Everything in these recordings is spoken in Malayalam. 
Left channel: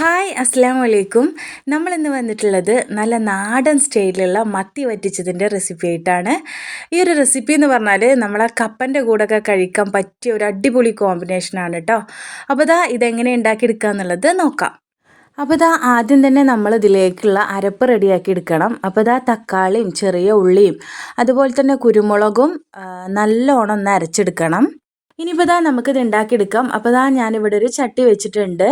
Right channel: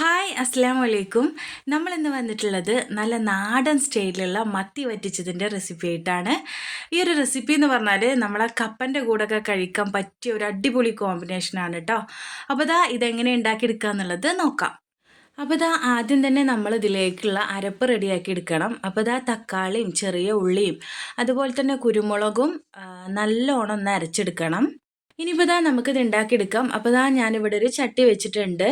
ഹായ് അസ്സാം വലൈക്കും. നമ്മളിന്ന് വന്നിട്ടുള്ളത് നല്ല നാടൻ സ്റ്റൈലിലുള്ള മത്തി വറ്റിച്ചതിൻ്റെ റെസിപ്പി ആയിട്ടാണ്. ഈ ഒരു റെസിപ്പി എന്ന് പറഞ്ഞാൽ നമ്മളെ കപ്പൻ്റെ കൂടെയൊക്കെ കഴിക്കാൻ പറ്റിയ ഒരു അടിപൊളി കോമ്പിനേഷനാണ് കേട്ടോ. അപ്പോൾ ഇതെങ്ങനെ ഉണ്ടാക്കിയെടുക്കുക എന്നുള്ളത് നോക്കാം. അപ്പോൾ ആദ്യം തന്നെ നമ്മൾ ഇതിലേക്കുള്ള അരപ്പ് റെഡിയാക്കി എടുക്കണം. അപ്പോൾ തക്കാളിയും ചെറിയ ഉള്ളിയും അതുപോലെ തന്നെ കുരുമുളകും നല്ലോണം ഒന്ന് അരച്ചെടുക്കണം. ഇനിയിപ്പോൾ നമുക്കിത് ഉണ്ടാക്കിയെടുക്കാം. അപ്പോൾ ഞാനിവിടെ ഒരു ചട്ടി വെച്ചിട്ടുണ്ട്.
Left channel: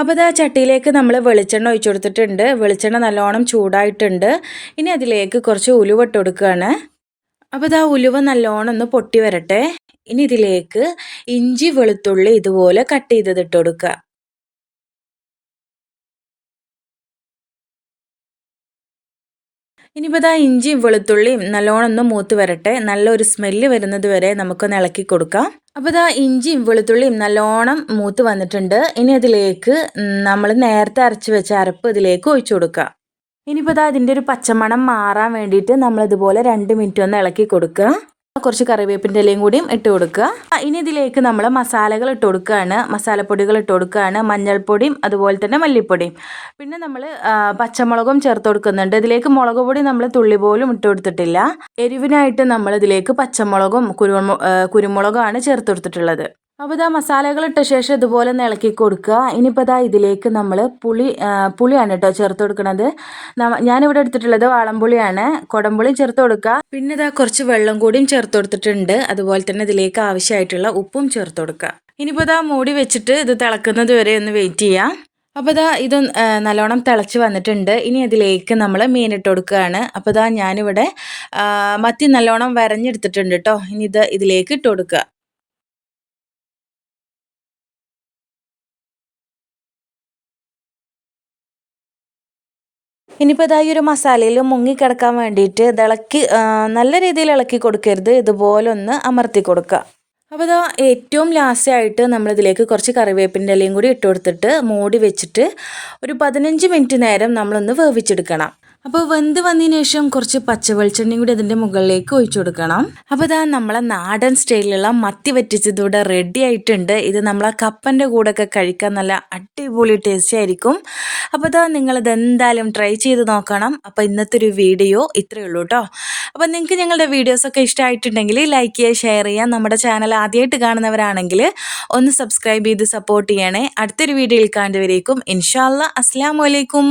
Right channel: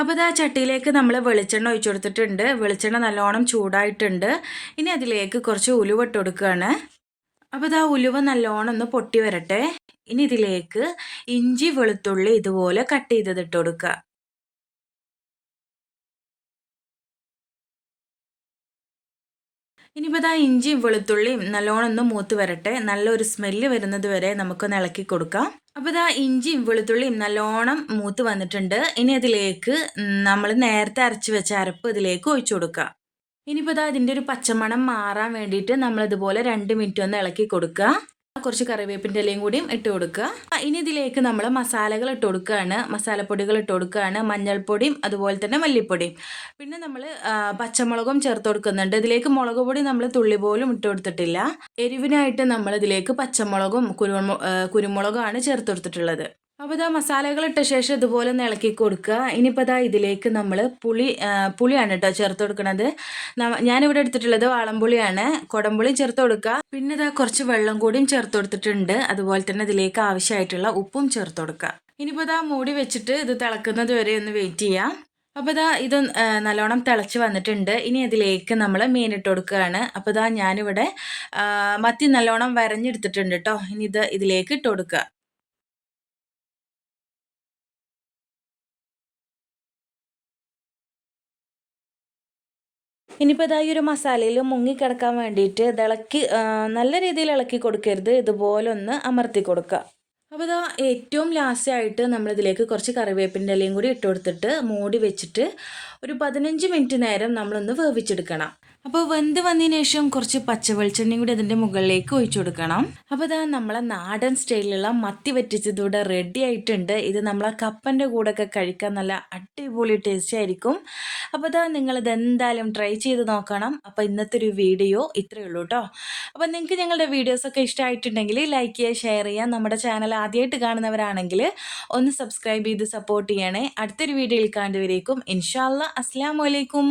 അപ്പോൾ ചട്ടിയിലേക്ക് നമ്മൾ വെളിച്ചെണ്ണ ഒഴിച്ചു കൊടുത്തിട്ടുണ്ട്. വെളിച്ചെണ്ണ നല്ലോണം ചൂടായിട്ടുണ്ട്. ഇനി അതിലേക്ക് കുറച്ച് ഉലുവ ഇട്ട് കൊടുക്കുകയാണ്. അപ്പോൾ ഉലുവ നല്ലോണം ഒന്ന് പൊട്ടി വരട്ടെ. ഇനി ഇതിലേക്ക് ഇഞ്ചി വെളുത്തുള്ളി ഇതുപോലെ കട്ട് ചെയ്തത് ഇട്ട് കൊടുക്കുക. ഇനിയിപ്പോൾ ഇഞ്ചിയും വെളുത്തുള്ളിയും നല്ലോണം ഒന്ന് മൂത്ത് വരട്ടെ. നല്ലൊരു സ്മെല്ല് വരുന്നത് വരെ നമുക്കൊന്ന് ഇളക്കി കൊടുക്കാം. അപ്പോൾ ഇഞ്ചിയും വെളുത്തുള്ളിയും നല്ലോണം മൂത്ത് വന്നിട്ടുണ്ട്. ഇനി അതിലേക്ക് നമ്മൾ നേരത്തെ അരച്ച് വെച്ച അരപ്പ് ഇതിലേക്ക് ഒഴിച്ചു കൊടുക്കുക. ഇനിയിപ്പോൾ അതിൻ്റെ ഒരു പച്ചമണം മാറാൻ വേണ്ടിയിട്ട് നമ്മളിതുപോലെ 2 മിനിറ്റ് ഒന്ന് ഇളക്കി കൊടുക്കുക. കുറച്ച് കറിവേപ്പിൻ്റെ ഇലയും കൂടിയും ഇട്ട് കൊടുക്കുക. ഇനി ഇതിലേക്ക് നമ്മൾ മസാലകൾ ഇട്ട് കൊടുക്കുകയാണ്. മസാലപ്പൊടികൾ ഇട്ട് കൊടുക്കുകയാണ്. മഞ്ഞൾപ്പൊടിയും അതുപോലെ തന്നെ മല്ലിപ്പൊടിയും. പിന്നെ നമ്മൾ പച്ചമുളകും ചേർത്ത് കൊടുക്കുന്നുണ്ട്. ഇതിലേക്ക് മുളക് പൊടി നമ്മൾ തുള്ളി പോലും ഇട്ട് കൊടുത്തിട്ടില്ല. എരിവിനായിട്ട് നമ്മൾ ഇതിലേക്ക് പച്ചമുളകും കുരുമുളകുമാണ് ചേർത്ത് കൊടുത്തിട്ടുള്ളത്. അപ്പോൾ മസാലകൾ ഇട്ട ശേഷം ഇതുപോലെ ഒന്ന് ഇളക്കി കൊടുക്കുക. ഇനിയിപ്പോൾ ഇതിലേക്ക് നമ്മൾ പുളിയാണ് കേട്ടോ ചേർത്ത് കൊടുക്കുന്നത്. ഞാനിവിടെ എടുത്തിട്ടുള്ളത് വാളംപുളിയാണ്. കുടംപുളിയും ചേർത്ത് കൊടുക്കുക. പിന്നെ കുറച്ച് വെള്ളം കൂടിയും ചേർത്ത് കൊടുത്തിട്ടുണ്ട്. അതുപോലെ തന്നെ ഇതിലേക്ക് ആവശ്യമായിട്ടുള്ള ഉപ്പും ചേർത്ത് കൊടുക്കുക. ഇനിയിപ്പോൾ മൂടി വെച്ചിട്ട് ഇത് തിളക്കുന്നത് വരെ ഒന്ന് വെയിറ്റ് ചെയ്യാം. അപ്പോൾ ഇത് നല്ലോണം തിളച്ച് വന്നിട്ടുണ്ട്. ഇനി അതിലേക്ക് നമ്മൾ മീനിട്ട് കൊടുക്കുകയാണ്. അപ്പോൾ ഞാനിവിടെ മത്തി നല്ലോണം വരഞ്ഞെടുത്തിട്ടുണ്ട് കേട്ടോ. ഇനി ഇതിലേക്ക് ഇട്ട് കൊടുക്കുക. ഇനിയിപ്പോൾ ഈ ഒരു മസാലയിൽ മുങ്ങിക്കിടക്കാൻ വേണ്ടിയിട്ട് ഇത് നല്ല രീതിയിൽ ഇളക്കി കൊടുക്കരുത്. ഇതുപോലെ ഒന്ന് അമർത്തി കൊടുക്കുക. അപ്പോൾ ഏറ്റവും ലാസ്റ്റായിട്ട് നമ്മളിതിലേക്ക് കുറച്ച് കറിവേപ്പിൻ്റെ ഇലയും കൂടി ഇട്ട് കൊടുത്തിട്ട് മൂടി വെച്ചിട്ട് ഒരു 15 മിനിറ്റ് നേരം നമ്മളൊന്ന് വേവിച്ചെടുക്കണം. അപ്പോൾ വെന്ത് വന്നതിന് ശേഷം കുറച്ച് പച്ചവെളിച്ചെണ്ണയും കൂടി അതിൻ്റെ മുകളിലേക്ക് ഒഴിച്ചു കൊടുക്കണം. അപ്പോൾ നമ്മളെ നാടൻ സ്റ്റൈലിലുള്ള മത്തി വറ്റിച്ചതൂടെ റെഡി ആയിട്ടുണ്ട്. ഇത് നമ്മളെ കപ്പൻ്റെ കൂടെയൊക്കെ കഴിക്കാൻ നല്ല അടിപൊളി ടേസ്റ്റി ആയിരിക്കും. അപ്പോൾ നിങ്ങളിത് എന്തായാലും ട്രൈ ചെയ്ത് നോക്കണം. അപ്പോൾ ഇന്നത്തെ ഒരു വീഡിയോ ഇത്രയേ ഉള്ളൂ കേട്ടോ. അപ്പോൾ നിങ്ങൾക്ക് ഞങ്ങളുടെ വീഡിയോസൊക്കെ ഇഷ്ടമായിട്ടുണ്ടെങ്കിൽ ലൈക്ക് ചെയ്യുക, ഷെയർ ചെയ്യുക. നമ്മുടെ ചാനൽ ആദ്യമായിട്ട് കാണുന്നവരാണെങ്കിൽ ഒന്ന് സബ്സ്ക്രൈബ് ചെയ്ത് സപ്പോർട്ട് ചെയ്യണേ. അടുത്തൊരു വീഡിയോയിൽ കാണുന്നവരേക്കും ഇൻഷാ അല്ലാ. അസ്സലാമു അലൈക്കും.